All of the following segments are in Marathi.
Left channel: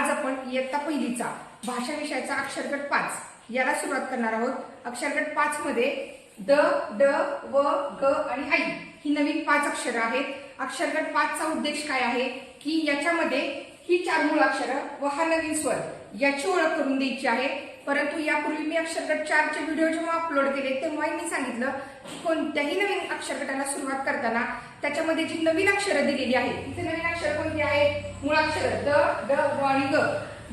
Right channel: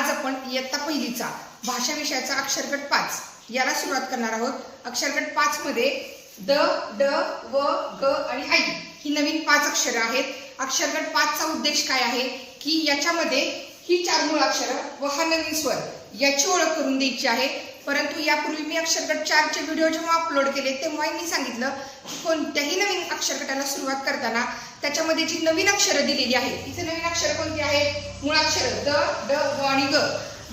आज आपण इयत्ता पहिलीचा भाषा विषयाचा अक्षरगट पाच याला सुरुवात करणार आहोत. अक्षरगट पाच मध्ये द ड व ग आणि आई ही नवीन पाच अक्षरं आहेत. अक्षरगट पाचचा उद्देश काय आहे? की याच्यामध्ये ही चार मूळाक्षरं व हा नवीन स्वर याची ओळख करून द्यायची आहे. परंतु यापूर्वी मी अक्षरगट चारचे व्हिडिओ जेव्हा अपलोड केले तेव्हा मी सांगितलं की कोणत्याही नवीन अक्षरगटाला सुरुवात करताना त्याच्यामध्ये जी नवीन अक्षरं दिलेली आहेत तिथे नवीन अक्षरं कोणती आहेत? मूळाक्षरं द ड व आणि ग.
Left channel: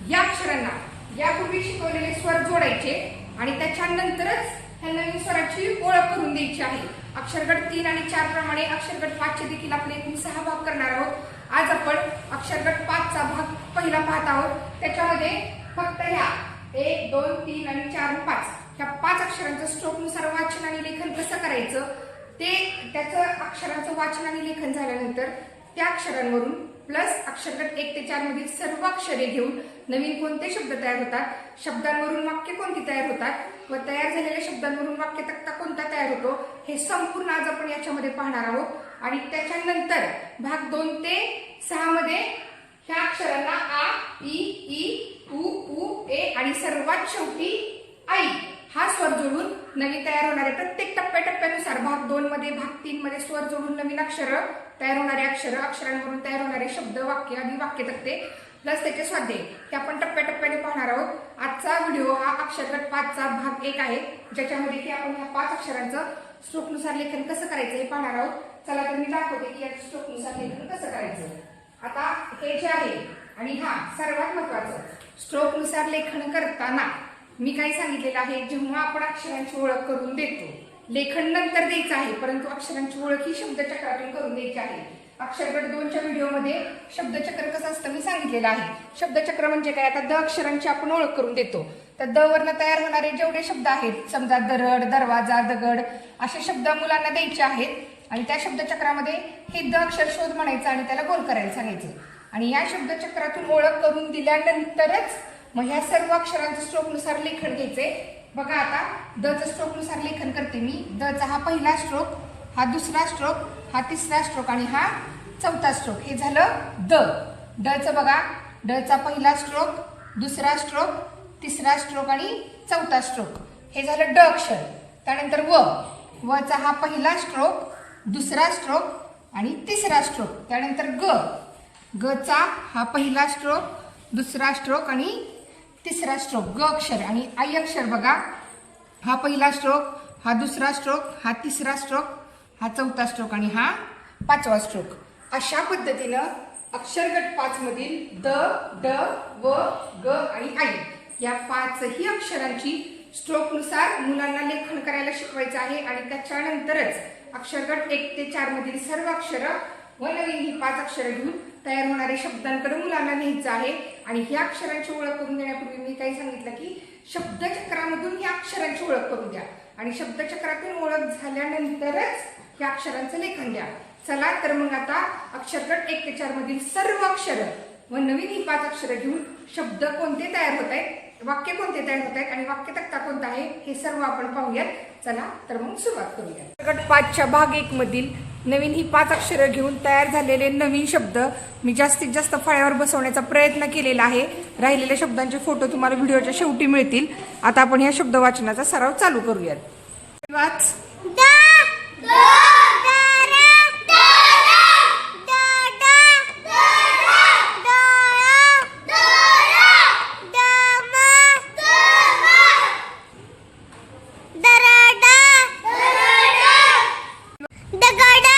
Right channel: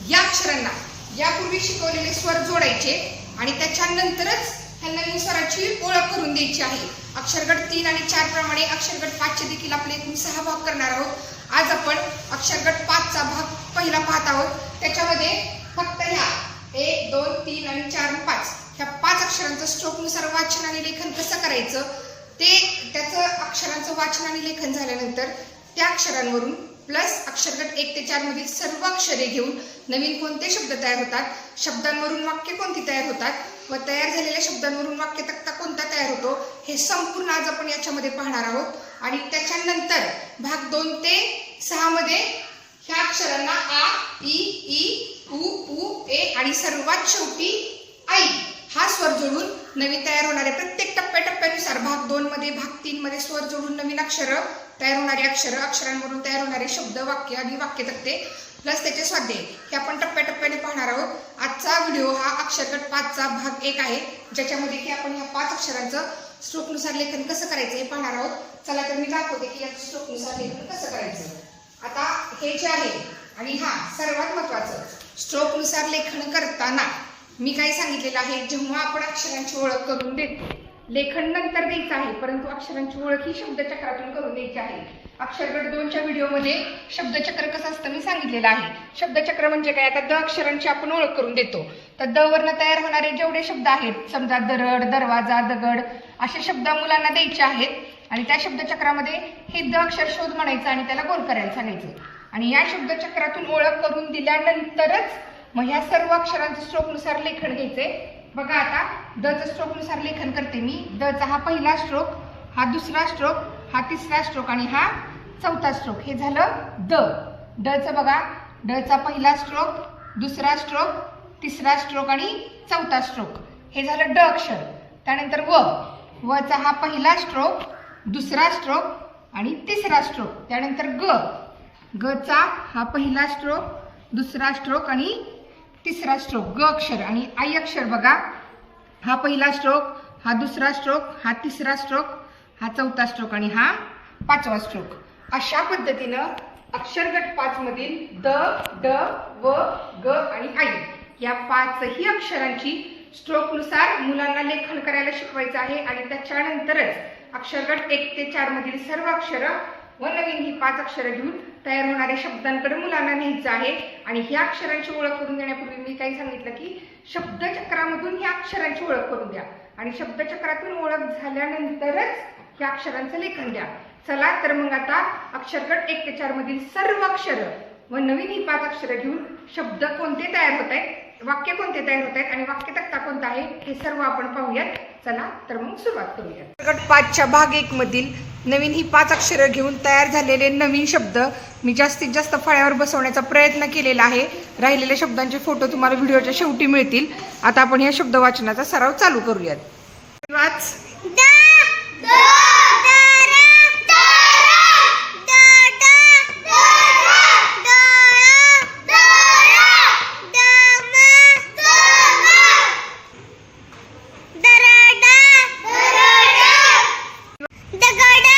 या अक्षरांना यापूर्वी शिकवलेले स्वर जोडायचे आणि त्याच्यानंतरच ह्या नवीन स्वराची ओळख करून द्यायची आहे. अक्षरगट तीन आणि चार प्रमाणे अक्षरगट पाचचे देखील आपले एकूण सहा भाग करणार आहोत. आज आपण अक्षरगट पाचचा भाग पहिला पाहत आहोत. त्याच्यामध्ये फक्त ह्या एक दोन तीन आणि चार पाच. ह्या पाच अक्षरांचं स्ट्रोकनुसार वाचन आणि लेखन कसं करायचं? ते त्याचं अक्षरांचं वाचन आणि लेखन झाल्यानंतर त्या अक्षरांवरून प्लस अक्षरगट एक ते चारमधील सर्व अक्षरे घेऊन नवीन कोणते शब्द तयार होतात? शब्दांवरून वाक्य कोणती तयार होतात? व तयार झालेल्या शब्दांवरून वाक्य तक्ता कोणता तयार होतो? हे संपूर्ण आज आपण याच्यामध्ये पाहणार आहोत. आणि त्याच्यानंतर भाग दोन ते सहामध्ये ह्या अक्षरांना आ ई ई उ उ ए आणि सर्वात शेवटी आई. हा स्वर जोडून नवीन तयार होणारे प्रत्येक टप्प्याटप्प्यानुसार भाग दोन मध्ये भाग तीन मध्ये स्वर जोडून नवीन अक्षर तयार होणारे अक्षर अक्षरांवरून तयार होणारे शब्द वाक्य आणि वाक्य तक्ते प्लस त्याचे स्वाध्याय. हे आपण टप्प्याटप्प्याने पाहणार आहोत. आजचा व्हिडिओ हा अक्षरगट पाचचा भाग एक आहे. ज्याच्यामध्ये की आपण ह्या पाच अक्षरांचं स्ट्रोकनुसार लेखन कसं करायचं हे पाहणार आहोत. चला तर मी दाखवते की या स्ट्रोकनुसार लेखन कसं करायचं. आता हे जे आहे आणि हा सर्वात महत्वाचं स्ट्रोकनुसार लेखन करताना. मी काय सांगितलेलं आहे? जेव्हा आपण अक्षरांची ओळख करून देतो लेखन नंतर द्यायचं आहे परंतु अक्षरांची ओळख ही शब्दचक्रातून करून द्यायची आहे. अक्षरगड दोनच्या व्हिडिओमध्ये शब्दचक्र कसं असतं मी सांगितलेलं आहे. शब्दचक्र म्हणजे काय? आता द अक्षरांची आपण ओळख करून देतो. तर द वरनं तयार होणारे जेवढे शब्द आहेत समजा दरड दरवाजा दगड असे शब्द मुलांना द्यायचे आहेत. आणि त्या शब्दचक्रामध्ये हे द अक्षर शोध म्हणायचं आणि त्याला गोल करायला सांगायचं. आणि या शब्दचक्रातून ओळख करून दिल्यानंतरच मग ह्या सर्व अक्षरांचं स्ट्रोकनुसार लेखन घ्यायचंय बघा आता दचं स्ट्रोकनुसार लेखन करते मी. दचा हा पहिला स्ट्रोक हा दुसरा स्ट्रोक हा तिसरा स्ट्रोक आणि हा चौथा स्ट्रोक. हे झालं द. डचं बघा डचा पहिला स्ट्रोक दुसरा स्ट्रोक तिसरा स्ट्रोक आणि चौथा स्ट्रोक. हे झालं ड अक्षर. त्यानंतर व. वचा हा पहिला स्ट्रोक दुसरा स्ट्रोक आणि तिसरा स्ट्रोक. त्यानंतर ग. गचा हा पहिला स्ट्रोक दुसरा स्ट्रोक आणि तिसरा स्ट्रोक. ग अक्षर आणि आई अक्षर बघा. हा पहिला स्ट्रोक हा दुसरा स्ट्रोक हा तिसरा स्ट्रोक हा चौथा स्ट्रोक आणि हा पाचवा स्ट्रोक. अशा पद्धतीनं अक्षरगट पाचमधील द ड व ग आणि आई या पाचही अक्षरांची स्ट्रोकनुसार मुलांना लेखन करायला शिकवायचं आहे आणि त्याच्यानंतरच अक्षरगट एक ते चारमधील सर्व अक्षरं व नवीन ही पाच अक्षरं घेऊन तयार होणाऱ्या शब्दांकडे मुलांना न्यायचं आहे. आणि ह्या अक्षरांची ओळख करून देण्यापूर्वी मी काही सांगितलं की शब्दचक्रामधून ह्या अक्षरांची ओळख करून द्या. आणि शब्दचक्रातून ओळख झाल्यानंतरच या अक्षरांचं लेखन द्या. चला तर मग आता अक्षरगट एक ते चार मधील सर्व अक्षरं व नवीन ही पाच अक्षरं घेऊन शब्द कोणते तयार होत आहेत? वाक्य कोणते तयार होत आहेत आणि वाक्य तक्ता कोणता आहे हे सर्व आपण पाहूयात. चला तर मग सुरुवात करूयात. गट पाचच्या भाग एक मधील नवीन ही पाच अक्षरं घेऊन तयार झालेले नवीन शब्द मी जास्तीत जास्त फळ्यावर बसवण्याचा प्रयत्न केलेला आहे. राहिलेल्या शब्दांचे फोटो तुम्हाला व्हिडिओच्या शेवटी मिळतील. आता आपण या शब्द वाचनाचा सराव चालू करूयात. वाच The garden.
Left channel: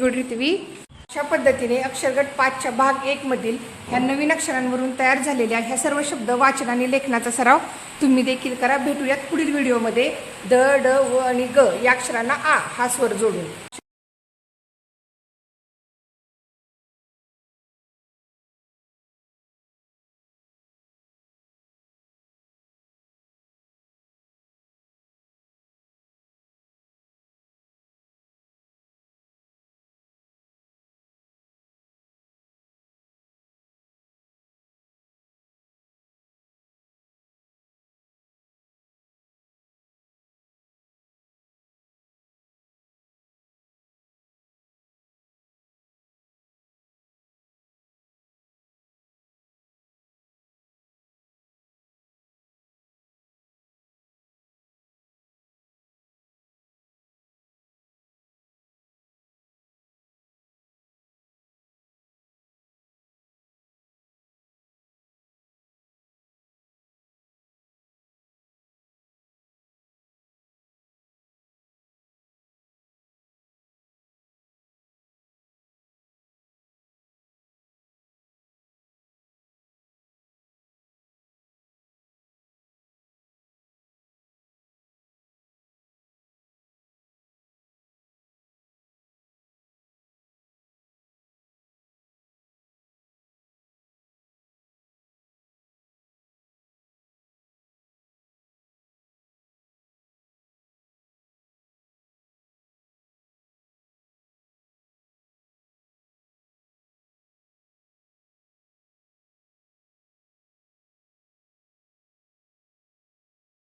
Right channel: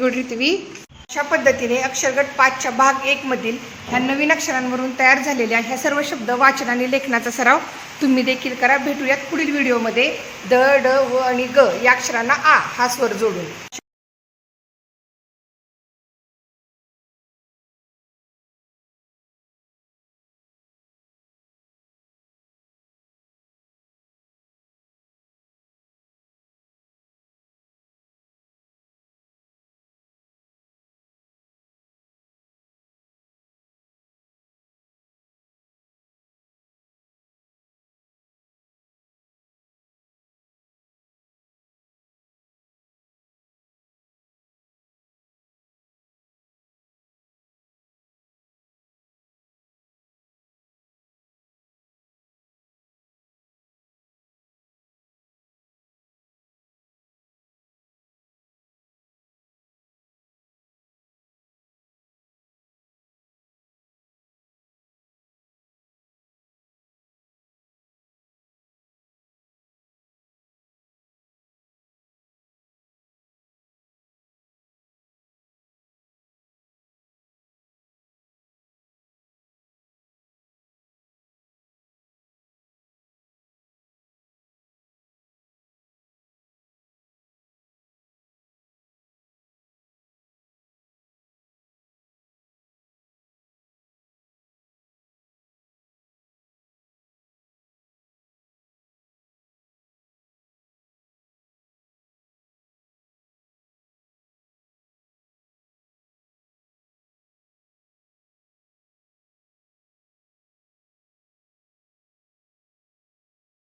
गुड रिथवी अशा पद्धतीने अक्षरगट पाचच्या भाग एकमधील ह्या नवीन अक्षरांवरून तयार झालेल्या ह्या सर्व शब्द वाचन आणि लेखनाचा सराव तुम्ही देखील करा. भेटूयात पुढील व्हिडिओमध्ये द ड व आणि ग या अक्षरांना आ हा स्वर जोडून.